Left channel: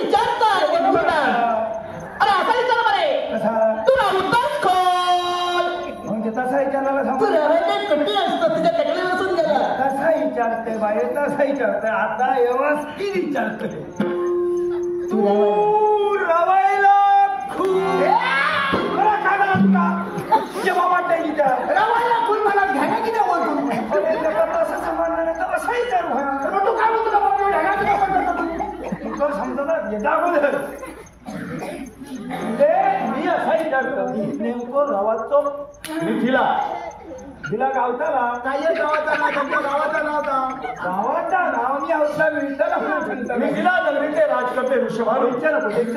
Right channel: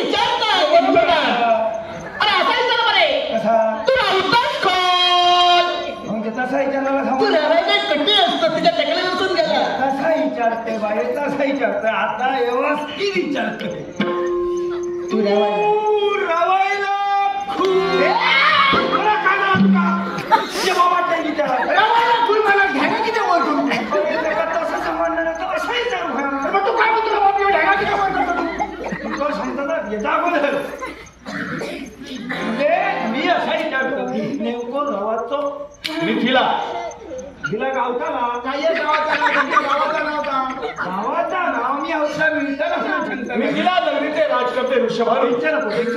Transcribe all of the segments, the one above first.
विचारतात अरे असा विचार बरे तू राहतास खोल म्हणजे तसा विचारायला तू राहायला कट्टी असतो तुझ्या टेकडी बसून गेला तसा विचारते बाई तसा विचारते आता व्यवस्थित विचारते तू रवायला बाबा विचार रवायला खून मला ढेगा किती बोलतो तसं संबंध नाही तर असं विचारू तू काय म्हणतो बाबा ढेगा किती बोलतो तुला समजतात येता अगोदर मी असा विचारतो नेमकं रवाचो मिथिला तिला गावताला काय गावाचा नाव तुमच्या गावाचा नाव का गावाचा नाव मी औषधा मिळताना मी तिला नगरीचे राजकर्ते ऋषभानु का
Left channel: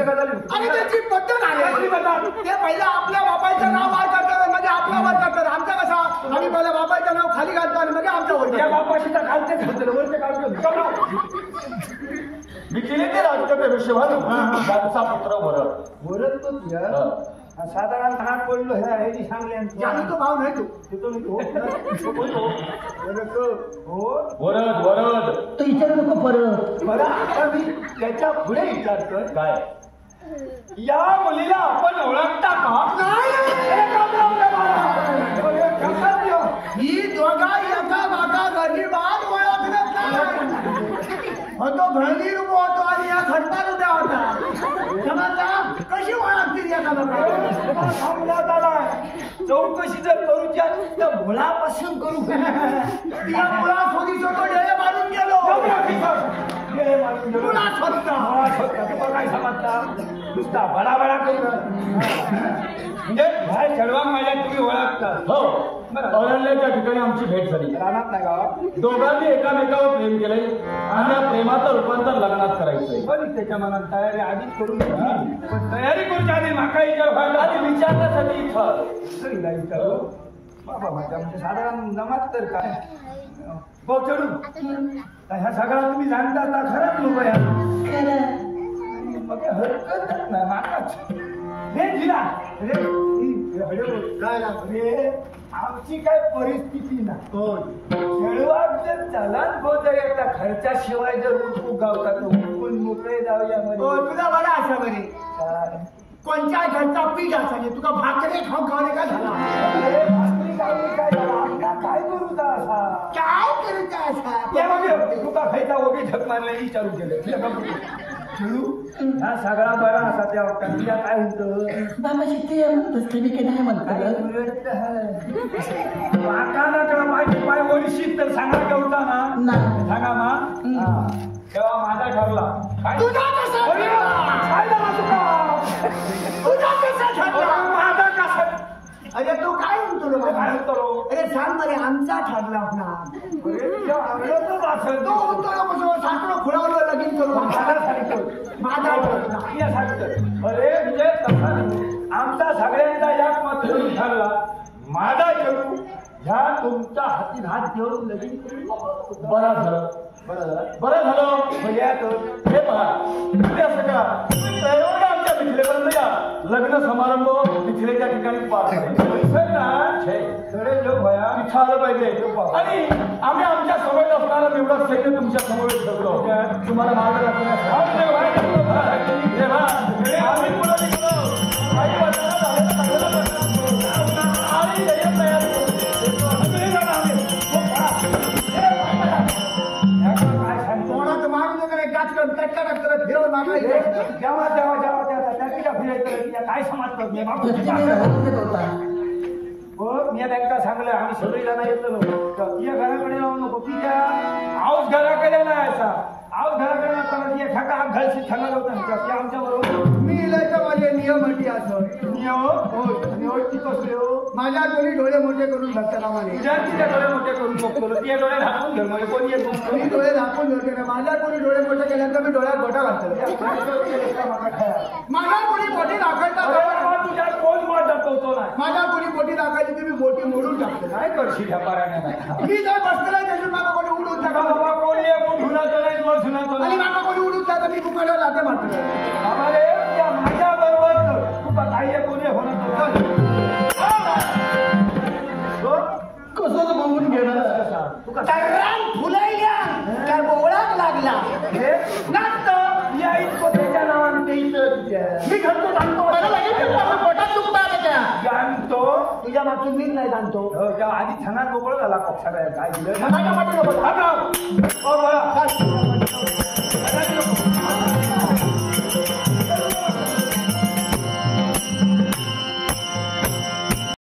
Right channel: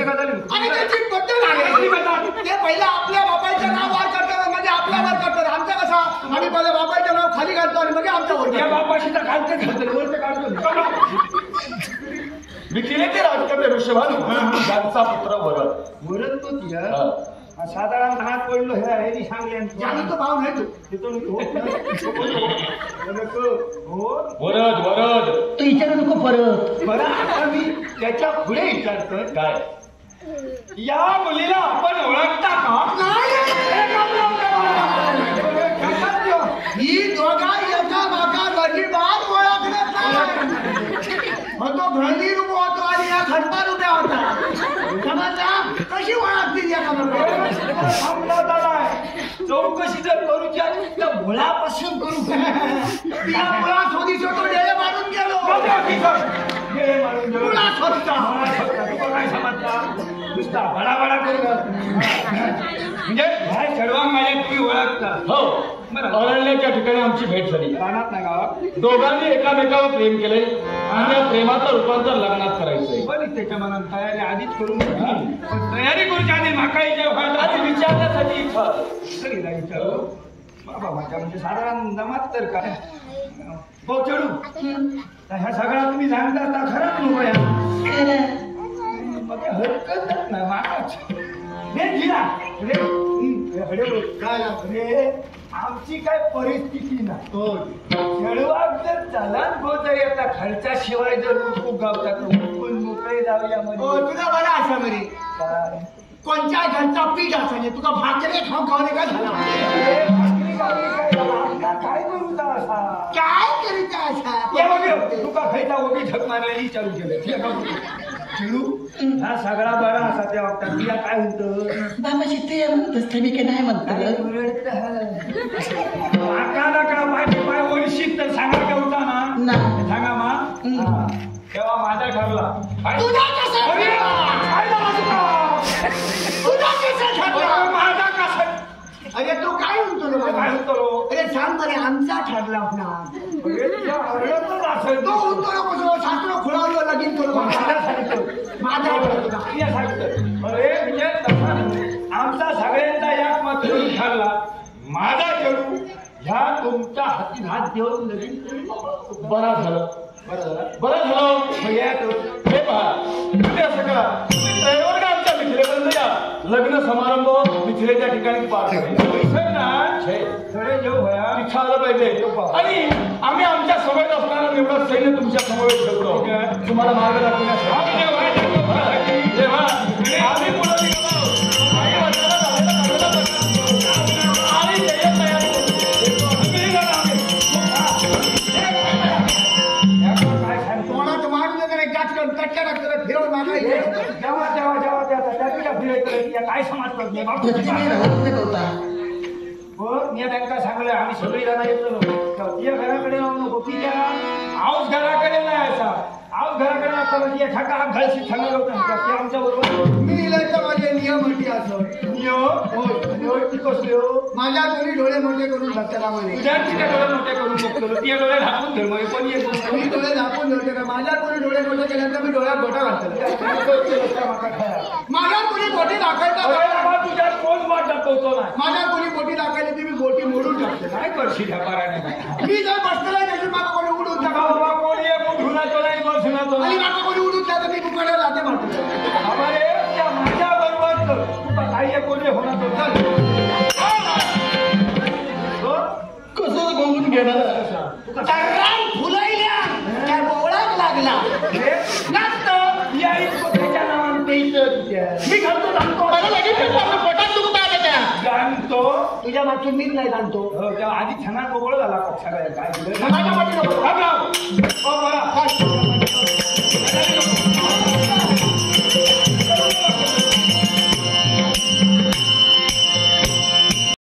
झाली आणि त्याची पद्धत आहे ते पहिलं आपल्या बापाचं नाव वार करतात म्हणजे आपला वार करतात आमचा कसा आम्ही पहिले बापाचं नाव खाली घालतो आणि म्हणजे आमच्या वर या बापाशी तर खालते घालतो वरते काढतो मिथिलेचे राजकर्ते ऋषभानु त्यांचा पुत्र वरद वरद तो तिला साधारण हात पडलो हे आहे ती सांगले ज्यानं तो भाव नाही तिथून वरद वरद तू विचारू नको परत बरं आता मी त्याच्या पुढे विचारतोय काय या मुलीला आपण ओळखता का ही दोघा एका माका गरीबात ओळखण्यात तो भरली रूप होतो आणि या खटपात उभ्या होता समजला कशी ओळखतील या चौकशी जर करूची तर मुळापासून करू तिला मुळा शोधीच तो डेळे मारून गेलो मुळा शोधता काय समजता नुसता बडा करू म्हणजे काय चढवा माझ्या तुम्ही ओळखता हो अरण्याच्या ठिकाणी आमची भेट झाली रानात नाही गावात दोघांनी एकामेकावर प्रेम केले आणि या प्रेमाचं रूपांतर लग्नात करायचंय पण त्याच्या मनात तयारी आधीच करून पण तयारी करूच्या आधी माका आणि विचारण्यासाठी इथं विचारू बाबा माझ्या म्हणजे साधारण जमात तर काय भाऊ चढू ह्या सगळ्या तुम्ही सांगता खरंच लोक या मग हरकतच नाही माकाच रे जिरा रे रे आमची काय परिस्थिती ना खेळवाक जर चलान जर येता खर्चाशिवाय जर उठूक गावतात उठून मोकळे जाऊया मध्ये तुला बरा असा बरे कोणत्या घरचा पीठ असा तुका भाकरे खाऊ खावणे काय झाला भाकरी गावली काय झाला आपला काय करू असा काय करू असा तुका खायचा वगैरे झक मारलेली चालू केलं चळू हा सगळा बरा असा त्या वक्ता तुला काय होतं बाबा शिकते म्हणत मी काही नाही म्हणतो माका नकडा पाय ओळशीत तर सांगा ठेवता ना सांगा मा तेव्हा माझा ठरला माझा कसा अरे तो काय म्हणतो काय होतो अरे सांग बरे आमचा ठरला होता तो म्हणतो सासरा खुळावलं लगीन करू माझा अरे म्हणजे आमचा सगळ्यांचा एक मत ठरला माझा चढू ह्या तुमच्या हातीत हात घेऊन लगीन बरं झालं हे पहा तुम्ही असं करा ड्रायव्हर का आमच्या मिथिलेपर्यंत या लग्न समारंभ मिथिलेच्या ठिकाणी पार इच्छा आलं पाहिजे आणि आम्ही आमच्या समोर असणारा निवडक सैन्य तुमच्या समोर ठेवतो तुम्हाला मागे काय समजतात मी बँका सांगलं आम्ही सगळी जण येतो तिच्या घराकडे जाऊ नको तिच्या आऊस घराकडे नाही असा आऊस घराकडे नसताना ठका घालशी ठका होता आमच्या बरोबर मी लिहिलं माझे नियम अटी असं नियम कसले हो माझ्या दोन्ही डोळे मोठे करून बघता कामाने तुझ्या तिथे डोळे मोठे करून बघतो तिच्या डोळे झाकून धर म्हणजे कोणी एक मी डोळे झाकून धरते ना माझ्या कोणी डोळे मोठे केल्यानंतर मी डोळ्यात गोटा घालतो माझ्या कोणी बोटी दाखवता तुझ्या कोण वाट दाखवतो नाही माझ्या कोणी बोटी दाखवली ती मी बोटी मोडून टाकते काय करशील ह्या मी जर बसलेला त्याची माझा कोणी उडून टाका बाबा कोणी एक उठुनातो नाही बसुनातो आणि माझा कोणी उडून टाका मी कुकडे लाते मारतो बाबा रे त्या माझ्या बरोबर तू काही कोणी होणार कसंच बघून घेणार फुलायल्या काय बोवळाच लागला नाचत या गाईत पोटाच्या नावानं ते इथं तुझ्या. मी घालतो जाणतो पोटात दुखत आहे त्या. जाणतो तुझ्या मागून मीच नाही जाणतो हो तेव्हा आधी छानात मोकळं झाला पक्षाला काय दिलं माझ्या मागे नको. अगं,